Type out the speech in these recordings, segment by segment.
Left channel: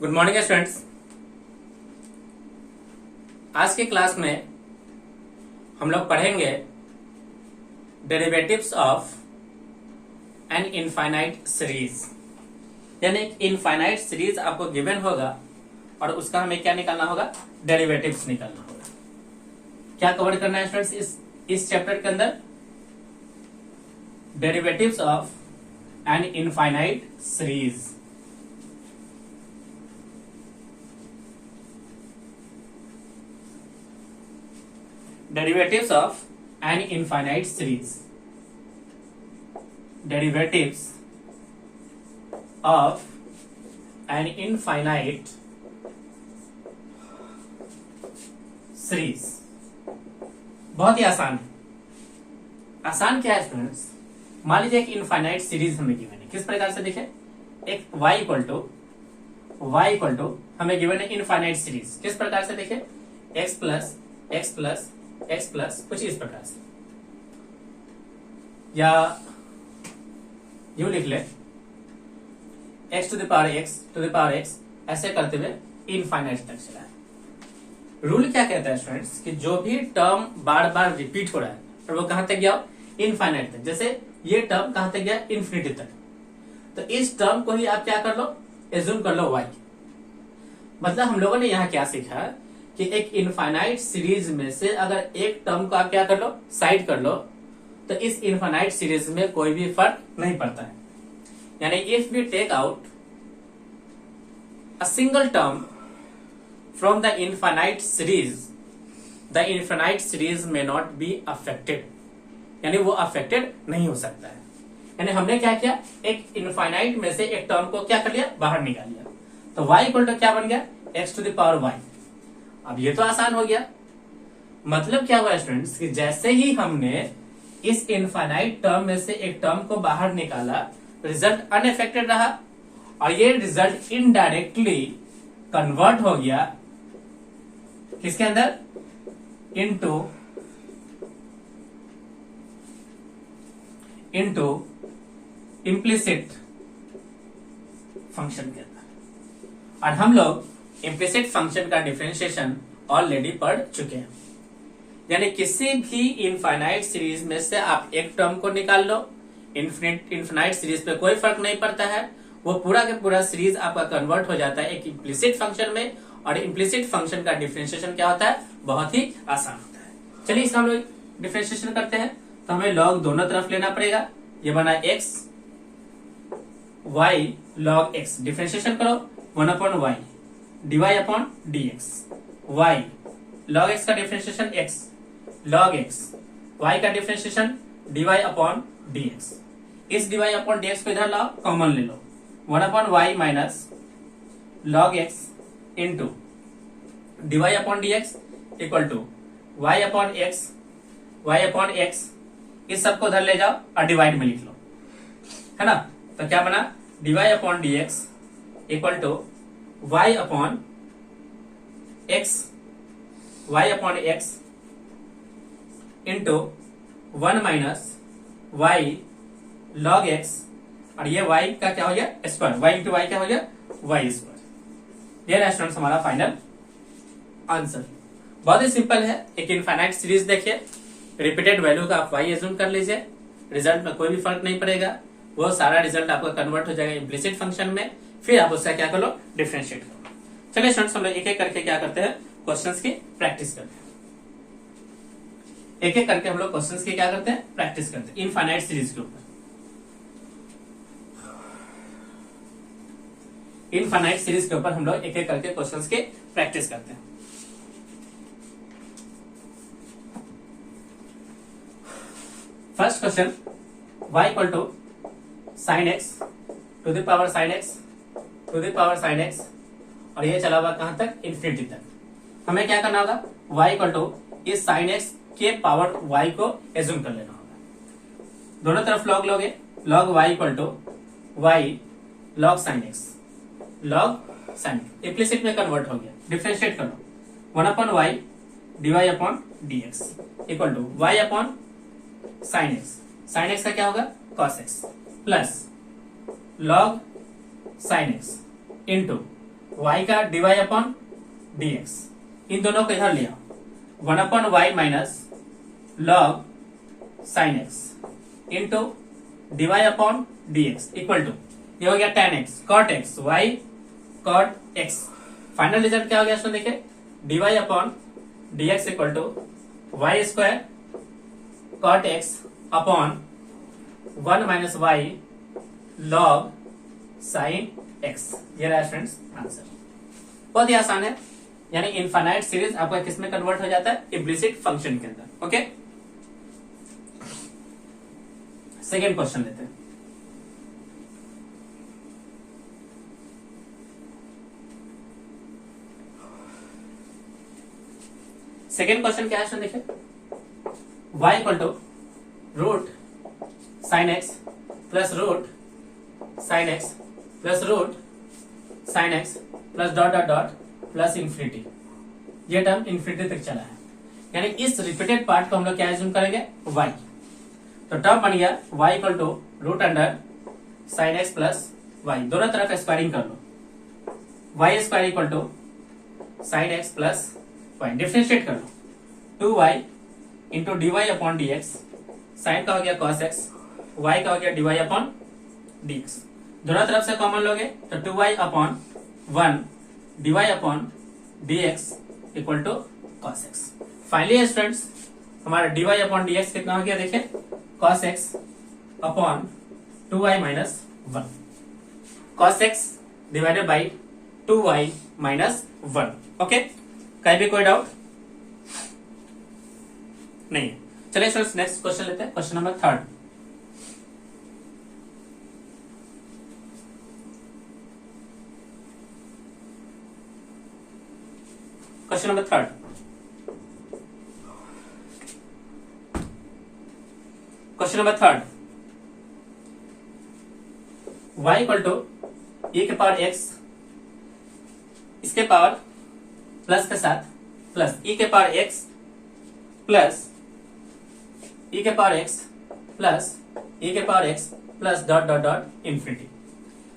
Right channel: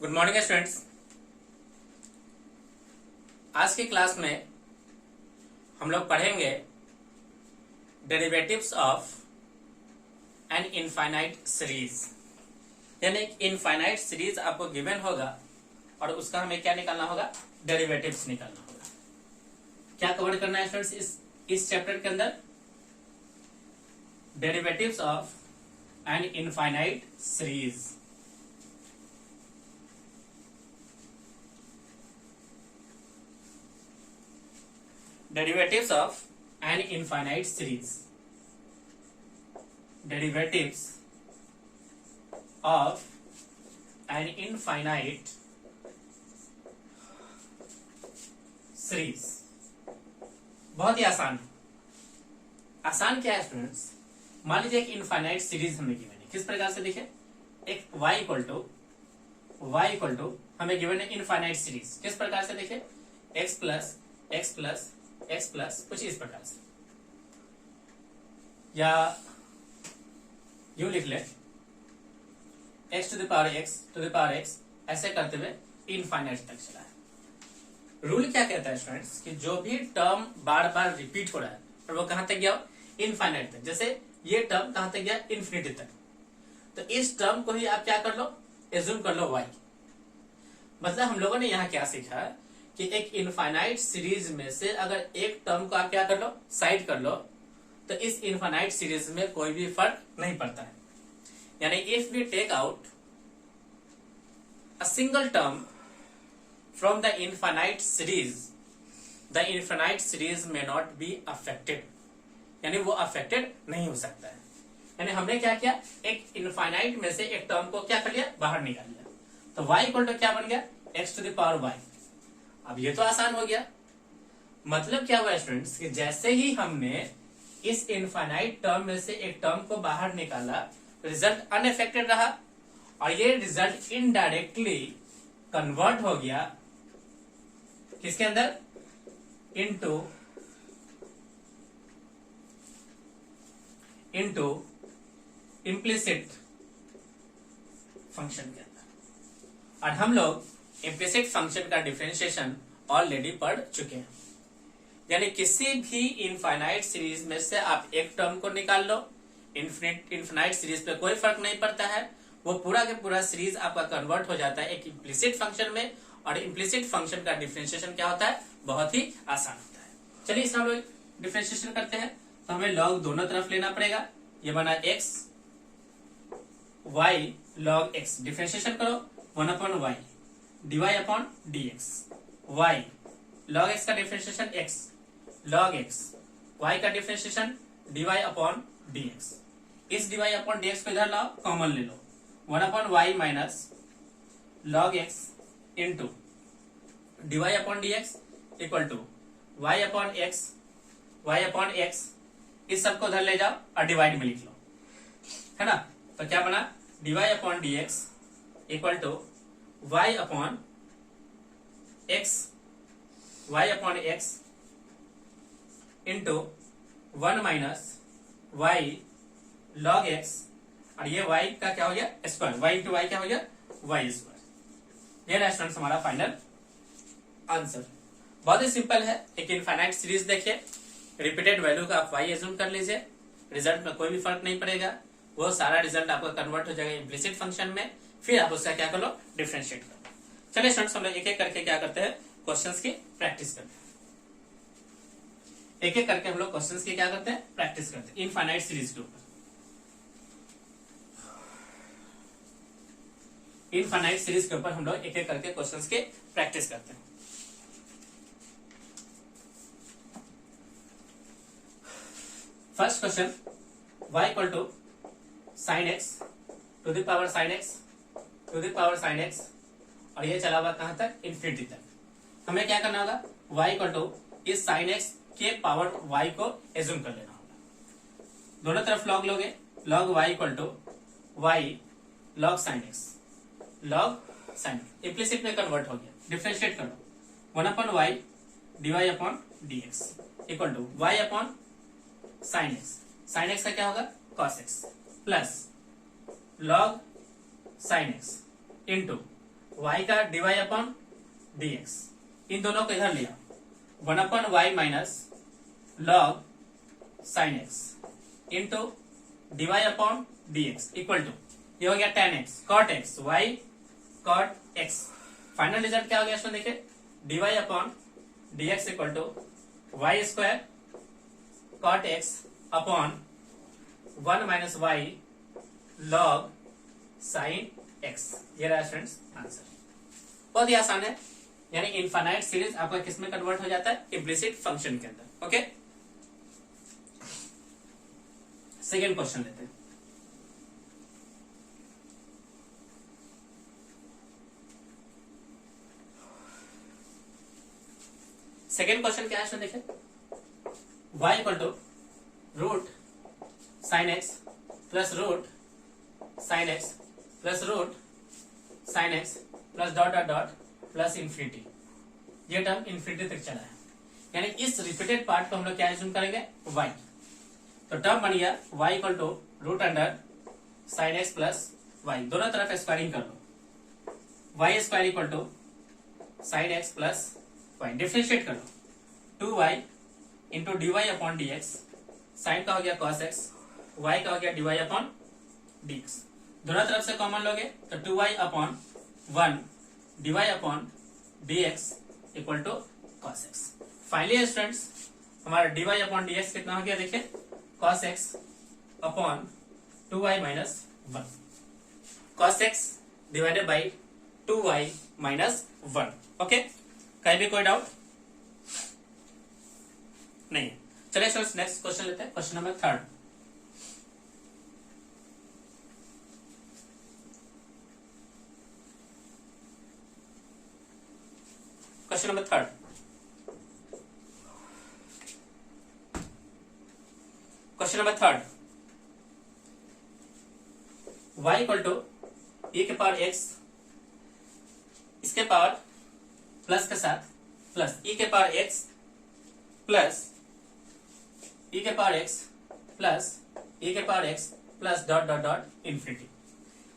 Good morning students. आज की class में हम लोग पढ़ेंगे derivatives of an infinite series. यानी एक इनफाइनाइट सीरीज आपको गिवन होगा और उसका हमें क्या निकालना होगा, डेरिवेटिव्स निकालना होगा। क्या कवर करना है स्टूडेंट्स इस चैप्टर के अंदर? Derivatives of an infinite series. Derivatives of an infinite series. Derivatives of an infinite series. बहुत ही आसान क्या है स्टूडेंट्स? मान लीजिए एक इनफाइनाइट सीरीज हमें गिवन है। किस प्रकार से देखें, एक y इक्वल टू हमें गिवन है इनफाइनाइट सीरीज। किस प्रकार से देखें, x प्लस कुछ इस प्रकार से, या यू लिख ले x to the power x ऐसे करते हुए इनफाइनाइट तक चला है। रूल क्या कहता है स्टूडेंट्स कि जो भी टर्म बार बार रिपीट हो रहा है और वो कहां तक गया, इनफाइनाइट तक। जैसे ये टर्म कहां तक गया, इन्फिनिटी तक। तो इस टर्म को ही आप क्या कर लो, एज्यूम कर लो y। मतलब हम लोगों ने यहाँ क्या सीखा कि एक इनफाइनाइट सीरीज में से अगर एक टर्म को आप क्या कर लो, साइड कर लो, तो इस इनफाइनाइट सीरीज में कोई भी फर्क नहीं पड़ता है। यानी if we take out a single term from the infinite series, the infinite series में नॉट बी अफेक्टेड। यानी वो अफेक्टेड नहीं हो सकता है। यानी हमने क्या किया, एक इनफाइनाइट में से एक टर्म को क्या कर लिया, बाहर निकाल लिया। तो y इक्वल टू क्या बन गया, x to the power y। अब ये तो आसान हो गया। मतलब क्या हुआ स्टूडेंट्स कि जैसे ही हमने इस इनफाइनाइट टर्म में से एक टर्म को बाहर निकाला, रिजल्ट अनअफेक्टेड रहा और ये रिजल्ट इनडायरेक्टली कन्वर्ट हो गया किसके अंदर, इनटू इम्प्लिसिट फंक्शन के अंदर। और हम लोग इम्प्लिसिट फंक्शन का डिफरेंशिएशन ऑलरेडी पढ़ चुके हैं। यानी किसी भी इनफाइनाइट सीरीज में से आप एक टर्म को निकाल लो, इनफाइनाइट सीरीज पे कोई फर्क नहीं पड़ता है, वो पूरा के पूरा सीरीज आपका कन्वर्ट हो जाता है एक इम्प्लिसिट फंक्शन में। और इम्प्लिसिट फंक्शन का डिफरेंशिएशन क्या होता है, बहुत ही आसान होता है। चलिए इसका हम लोग डिफरेंशिएशन करते हैं। तो हमें लॉग दोनों तरफ लेना पड़ेगा। ये बना x y log x, differentiation करो 1/y dy upon dx। y log x का differentiation x log x, y का डिफरेंशिएशन dy अपॉन dx। इस dy अपॉन dx को इधर लाओ, कॉमन ले लो। 1/y minus log x into dy upon dx equal to y upon x। इस सबको उधर ले जाओ और डिवाइड में लिख लो, है ना। तो क्या बना, dy upon dx equal to y upon x into 1 minus y log x। और ये y का क्या हो गया, स्क्वायर। y इंटू y क्या हो गया, y स्क्वायर। ये स्टूडेंट्स हमारा फाइनल आंसर। बहुत ही सिंपल है। एक इनफाइनाइट सीरीज देखिए, रिपीटेड वैल्यू का आप y एज्यूम कर लीजिए, रिजल्ट में कोई भी फर्क नहीं पड़ेगा। वो सारा रिजल्ट आपका कन्वर्ट हो जाएगा इम्प्लिसिट फंक्शन में। फिर आप उसका क्या कर लो, डिफरेंशिएट करो। चलिए स्टूडेंट्स हम लोग एक एक करके क्या करते हैं, क्वेश्चंस की प्रैक्टिस करते हैं। एक एक करके हम लोग क्वेश्चंस की क्या करते हैं, प्रैक्टिस करते हैं इनफाइनाइट सीरीज के ऊपर। इनफाइनाइट सीरीज के ऊपर हम लोग एक एक करके क्वेश्चंस की प्रैक्टिस करते हैं। First question, y equal to sine x to the power sine x और ये चला हुआ कहां तक, इन्फिनिटी तक। हमें क्या करना होगा, y इक्वल टू इस साइन x के पावर y को एज्यूम कर लेना होगा। दोनों तरफ लॉग लोगे, log y equal to y log sine x, log sine implicit में कन्वर्ट हो गया। डिफरेंशिएट करो 1/y dy upon dx equal to y upon sine X का क्या होगा, cos x plus log sin x into y का dy upon dx, इन दोनों को इधर लिया 1/y minus log sin x into dy upon dx equal to ये हो गया tan x cot x y cot x। Final result क्या हो गया इसमें देखिए dy upon dx equal to Y square cot x upon 1 minus Y log sin x। ये रहा स्टूडेंट्स आंसर। बहुत ही आसान है, यानी इनफाइनाइट सीरीज आपका किसमें कन्वर्ट हो जाता है, इम्प्लिसिट फंक्शन के अंदर। ओके, सेकेंड क्वेश्चन लेते हैं। सेकेंड क्वेश्चन क्या है इसमें देखिए y equal to root sine X plus root sine X plus root sine X plus dot dot dot plus infinity. ये टर्म इंफिनिटी तक चला है, यानी इस रिपीटेड पार्ट को हम लोग क्या एज्यूम करेंगे y। तो टर्म बन गया y equal to root under sine X plus Y, दोनों तरफ स्क्वायरिंग कर लो, y square equal to sine X plus Y, differentiate कर लो 2y into D Y upon D X, sine का हो गया कॉस एक्स, y का हो गया D Y upon D X, दोनों तरफ से कॉमन लोगे तो 2y upon 1 D Y upon D X equal to cos X. Finally students हमारा D Y upon D X कितना हो गया देखिए cos X upon 2y minus 1, cos X divided by 2y minus 1। Okay, कहीं भी कोई डाउट नहीं है। चलिए सर नेक्स्ट क्वेश्चन लेते हैं, question number third. Question number third, question number third, y equal to e के पावर x, इसके पावर प्लस के साथ प्लस e के पावर x प्लस e के पावर x प्लस e के power x plus dot dot dot infinity,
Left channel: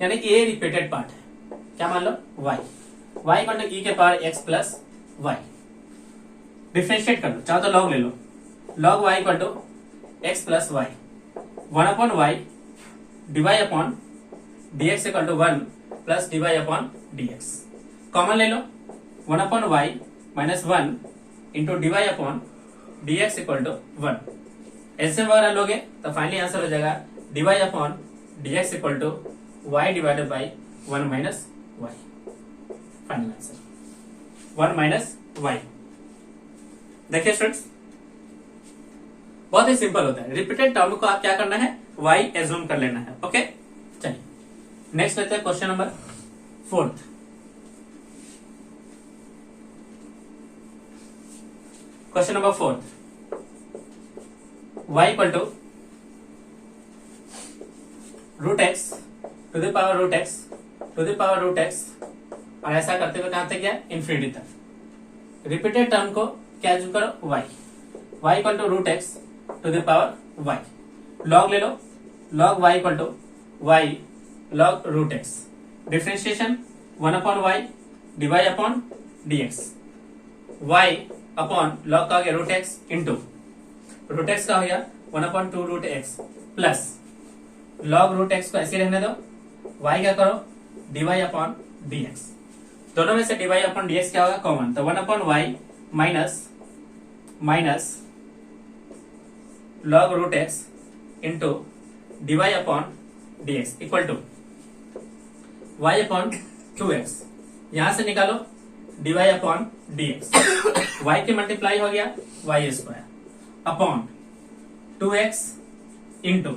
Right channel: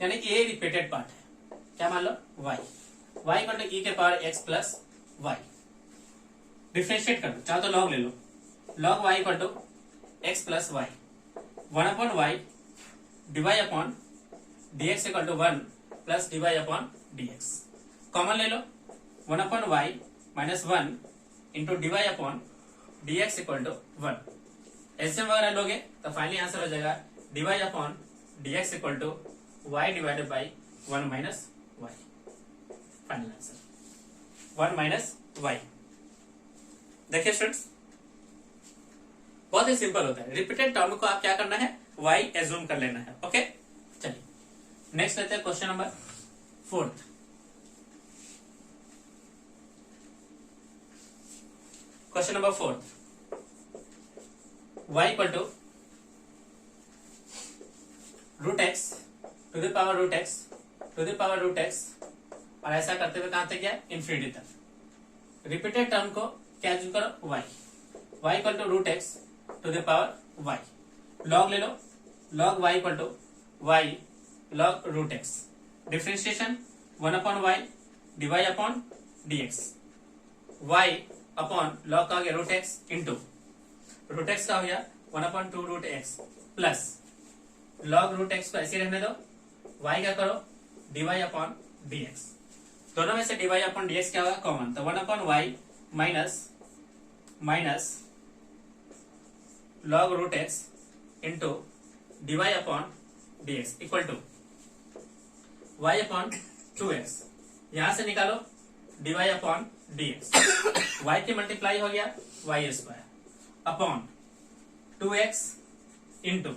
यानी ये repeated part है। क्या मान लो y इक्वल टू e के power x plus y, differentiate कर लो, चाहो तो लॉग ले लो, log y equal to x plus y, 1 upon y dy upon dx equal to 1 plus dy upon dx, common ले लो 1 upon y minus 1 into dy upon dx equal to 1, ऐसे वगैरह लोगे तो फाइनली आंसर हो जाएगा dy upon dx equal to y divided by 1 minus y. Final answer 1 minus y. देखिए students बहुत ही सिंपल होता है, रिपीटेड टर्म को आप क्या करना है y एज्यूम कर लेना है। ओके, चलिए नेक्स्ट लेते हैं question number fourth. Question number fourth, y equal to root x to the power root x to the power root X, और ऐसा करते हुए कहां तक गया इंफिनिटी तक। रिपीटेड टर्म को क्या एज्यूम करो y equal to root x to the power y, log ले लो, log y equal to y log root x, differentiation 1 upon y dy upon dx, y upon log का हो गया root x into root x का हो गया 1 upon 2 root x plus log root x को ऐसे रहने दो, y क्या करो dy अपॉन dx, दोनों में से dy अपॉन dx क्या होगा कॉमन, तो 1 upon y minus minus log root x into dy upon dx equal to y upon 2x, यहां से निकालो डिवाई अपॉन dx, y की मल्टीप्लाई हो गया y square upon 2x into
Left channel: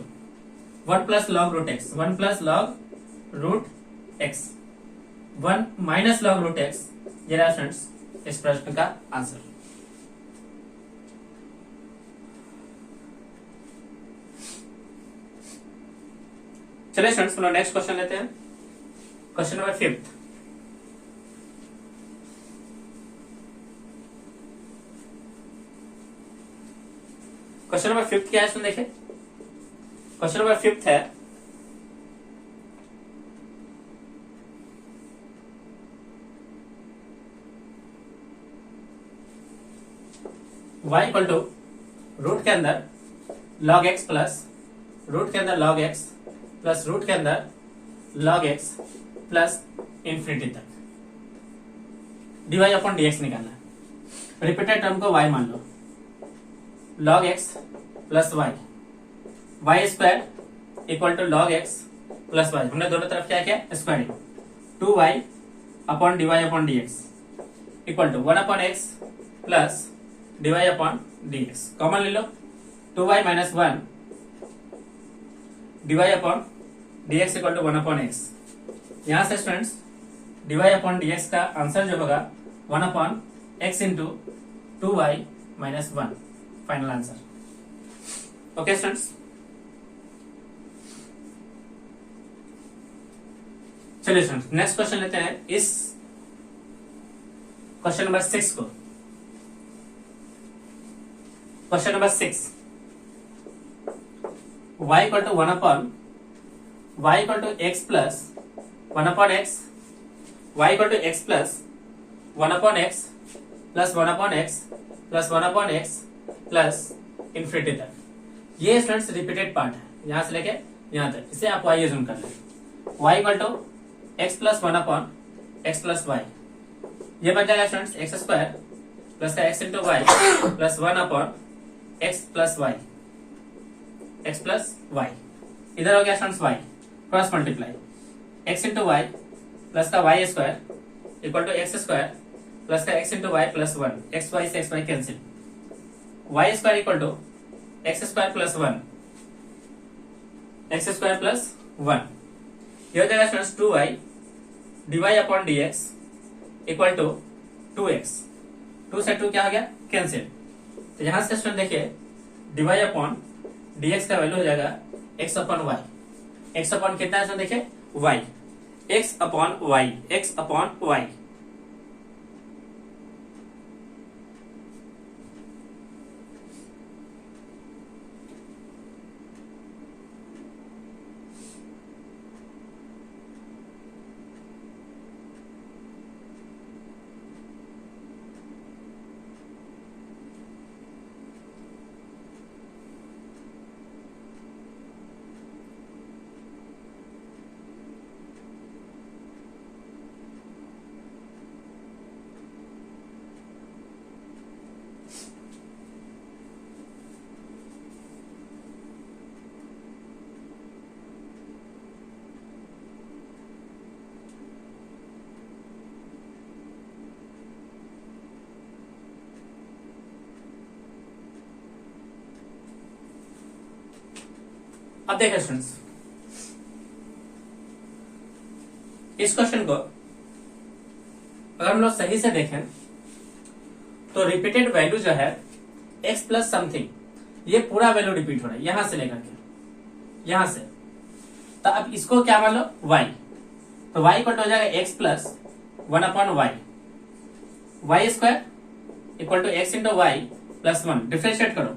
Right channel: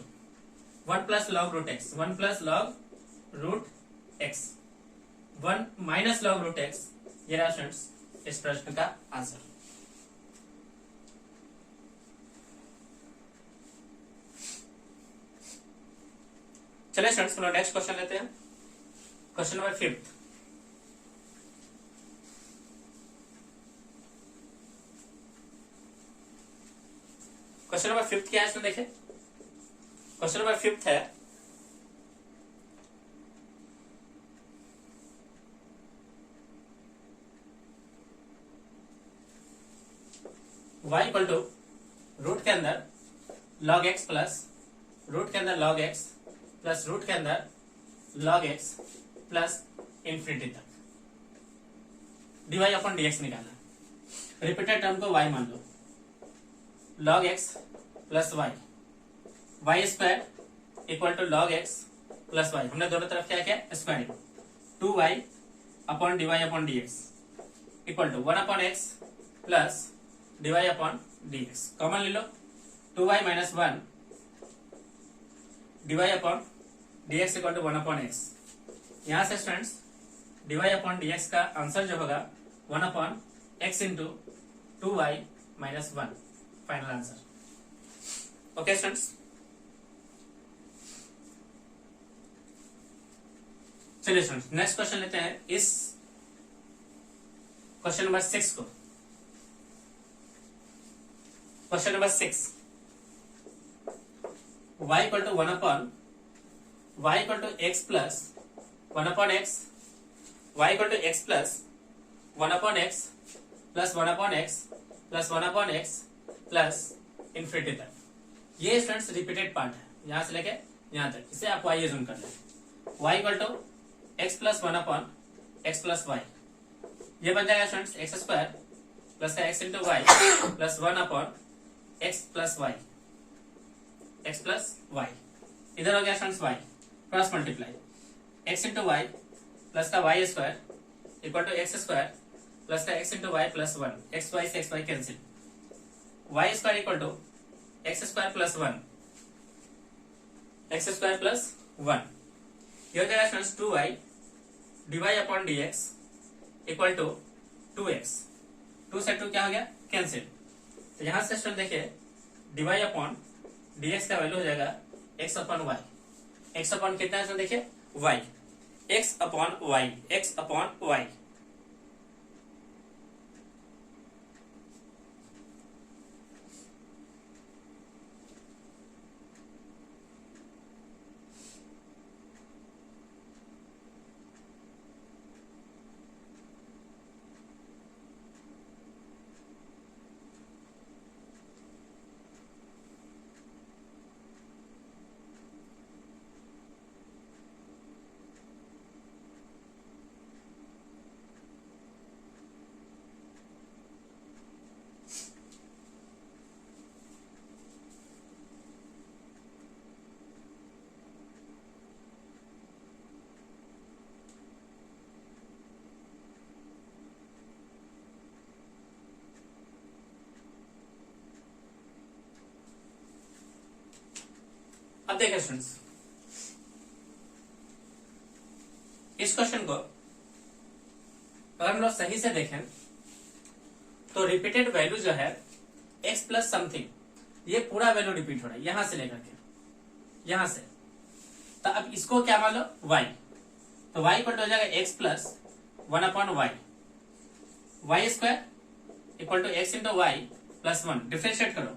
1 plus log root x, 1 plus log root x, 1 minus log root x. ये रहा students इस प्रश्न का आंसर। चलिए स्टूडेंट्स नेक्स्ट क्वेश्चन लेते हैं, question number fifth. Question number fifth क्या है इसमें देखिए, क्वेश्चन नंबर फिफ्थ है y इक्वल टू रूट के अंदर log x प्लस रूट के अंदर log x प्लस रूट के अंदर log x प्लस इंफिनिटी तक dy अपॉन dx निकालना है। रिपीटेड टर्म को y मान लो, log x plus y square equal to log x plus y, हमने दोनों तरफ क्या किया squaring, 2y upon dy upon dx equal to 1 upon x plus dy upon dx, common ले लो, 2y minus 1 dy upon dx equal to 1 upon x। यहां से students dy upon dx का आंसर जो होगा 1 upon x into 2y minus 1, final answer. Okay students, चलिए students next question लेते हैं, इस क्वेश्चन नंबर 6 को। Question number 6, y equal to 1 upon y equal to x plus 1 upon x, y equal to x plus 1 upon x plus 1 upon x plus 1 upon x plus infinity तक। ये students repeated part है, यहां से लेके यहां तक, इसे आप y यूज कर लें। y equal to x plus 1 upon x plus y, ये बन जाएगा स्टूडेंट्स एक्स स्क्वायर प्लस का x into y plus 1 upon x plus y, x plus y, इधर हो गया students y cross multiply, x into y plus का y square equal to x square plus का x into y plus 1, x y से x y cancel, y square equal to x square plus 1, X square plus 1, ये हो जाएगा students 2y dy upon dx equal to 2x, 2 से 2 क्या हो गया cancel. तो यहां से स्टूडेंट देखिए dy अपॉन dx का वैल्यू हो जाएगा x upon y, x upon कितना है देखिए y, x upon y, x upon y। अब देखिए स्टूडेंट्स, इस क्वेश्चन को अगर हम लोग सही से देखें तो रिपीटेड वैल्यू जो है x प्लस समथिंग, ये पूरा वैल्यू रिपीट हो रहा है यहां से लेकर के यहां से, तो अब इसको क्या मान लो y, तो y इक्वल हो जाएगा x plus 1 upon y square equal to x into y plus 1, differentiate करो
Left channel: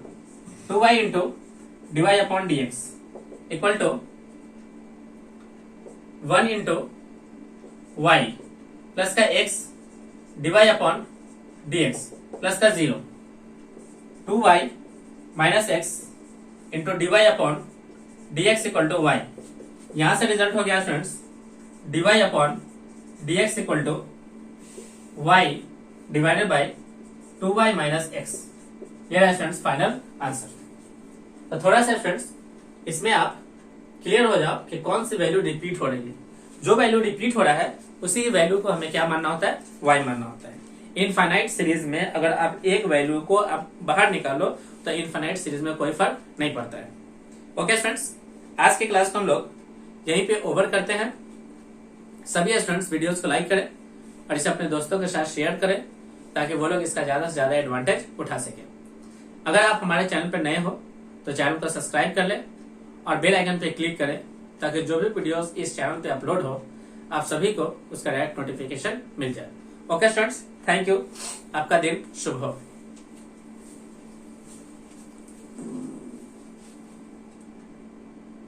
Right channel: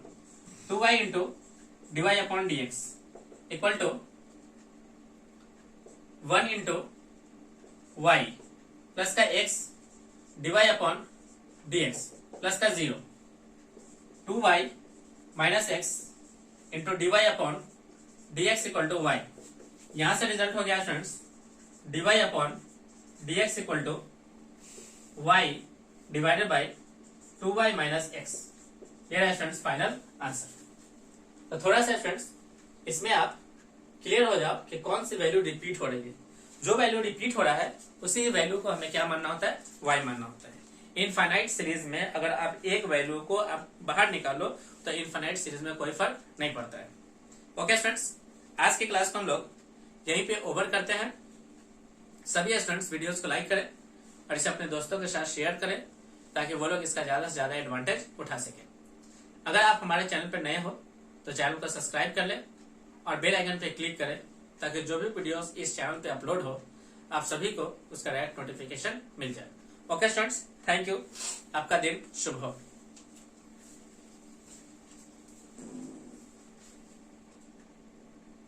2y into dy upon dx equal to 1 into y plus का x dy upon dx plus का 0, 2y minus x into dy upon dx equal to y। यहां से result हो गया students dy upon dx equal to y divided by 2y minus x, ये रहा students final answer. तो थोड़ा सा स्टूडेंट्स इसमें आप क्लियर हो जाओ कि कौन सी वैल्यू रिपीट हो रही है, जो वैल्यू रिपीट हो रहा है उसी वैल्यू को हमें क्या मानना होता है y मानना होता है। इनफाइनाइट सीरीज में अगर आप एक वैल्यू को आप बाहर निकालो तो इनफाइनाइट सीरीज में कोई फर्क नहीं पड़ता है। ओके स्टूडेंट्स, आज की क्लास को हम लोग यहीं पे ओवर करते हैं। सभी स्टूडेंट्स वीडियोस को लाइक करें और इसे अपने दोस्तों के साथ शेयर करें ताकि वो लोग इसका ज्यादा से ज्यादा एडवांटेज उठा सके। अगर आप हमारे चैनल पर नए हो तो चैनल को सब्सक्राइब कर लें और बेल आइकन पे क्लिक करें ताकि जो भी वीडियोस इस चैनल पे अपलोड हो आप सभी को उसका डायरेक्ट नोटिफिकेशन मिल जाए। ओके स्टूडेंट्स, थैंक यू, आपका दिन शुभ हो।